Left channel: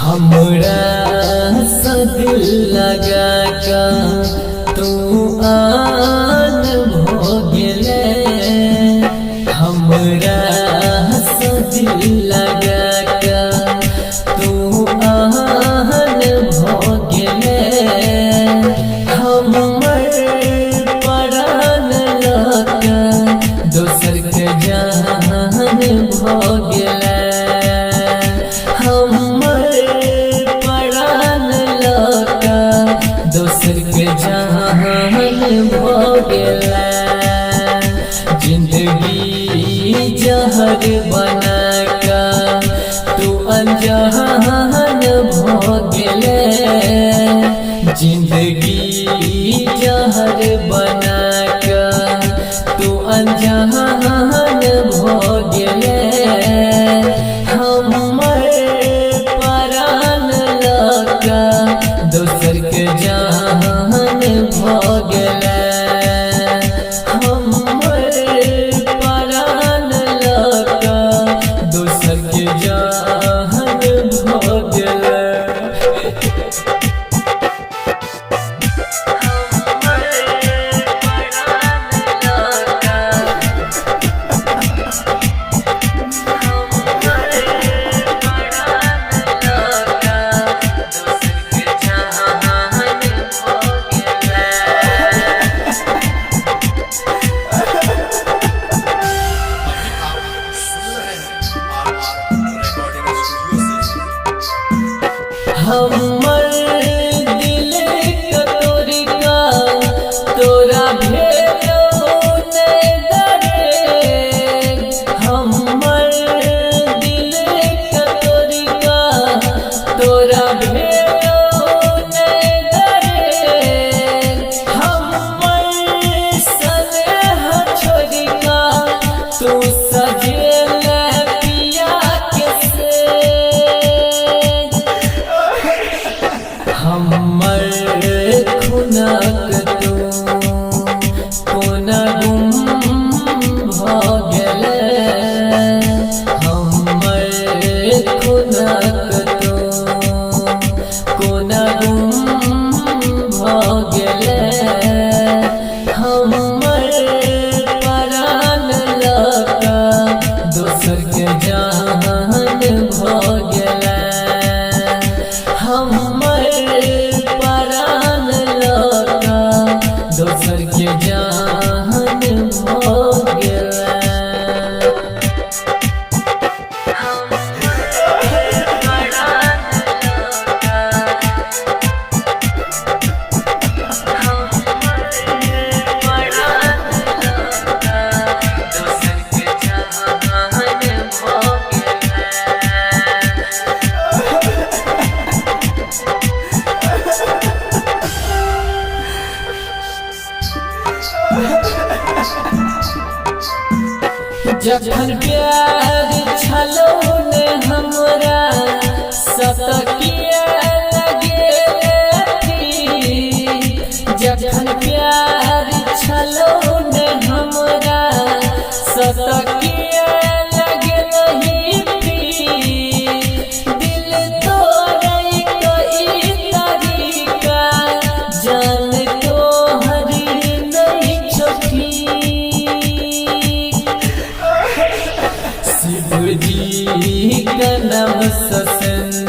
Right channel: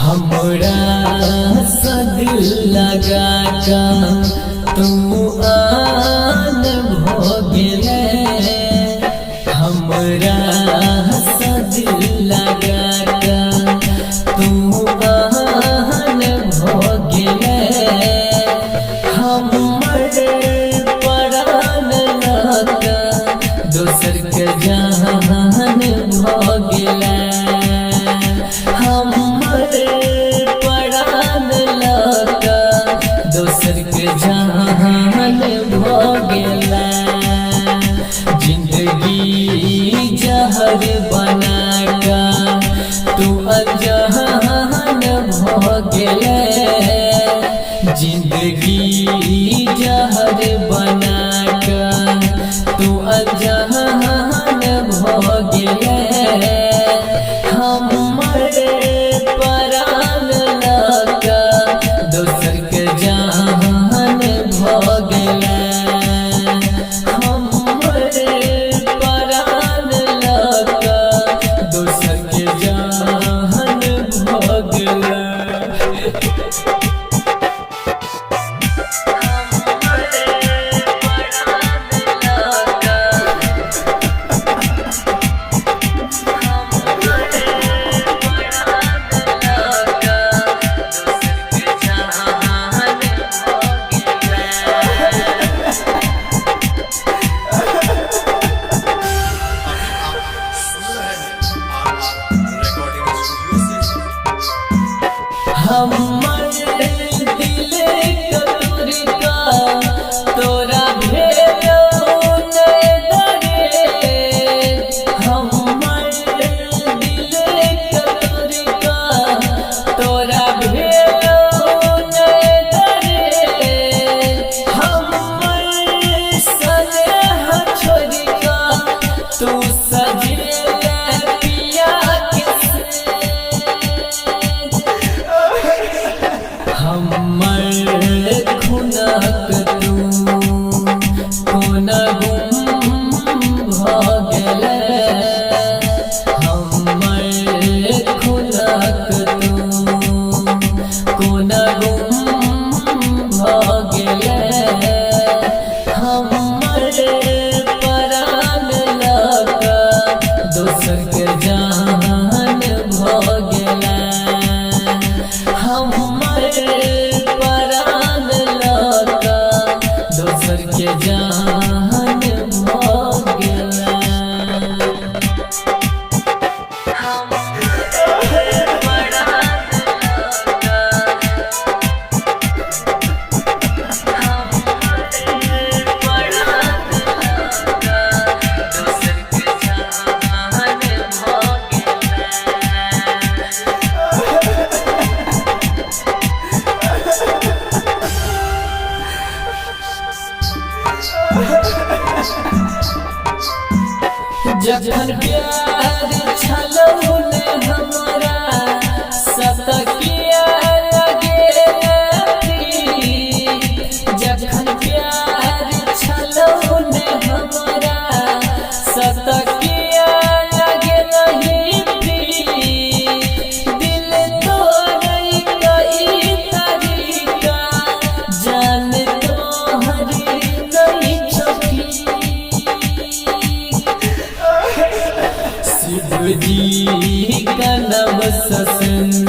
हमरा से दिल लगा का तू आन भो गेले। हमरा से दिल लगा का तू आन भो गेले। हमर परान लगा दोसर के जान भो गेले। दोसर के जान भो गेला। जिंदगी जहर बना का तू अनजान भो गेले। जिंदगी जहर बना का तू अनजान भो गेले। हमर परान लगा दोसर के जान भो गेले। हमर परान लगा दोसर के जान भो गेले। हमर दिल कतोरी का तोरा भेलो नहीं डरे। हमर दिल कतोरी का तोरा भेलो नहीं डरे। हमर स्नेह छोड़ी का तू सजेले पिया के हमर खुनक तू कोना गुम भो गेले। हमर खुनक तू कोना गुम भो गेले। हमर परान लगा दोसर के जान भो गेले। हमर परान लगा दोसर के जान भो गेले। जखन प्यार छलौ ने हमरा सतकिया लगे। जखन प्यार छलौ ने हमरा सतकिया लगे। दिल तोड़ै कई तरीका जान तोहरी नहीं छुपी। शिवजी का नाम ससन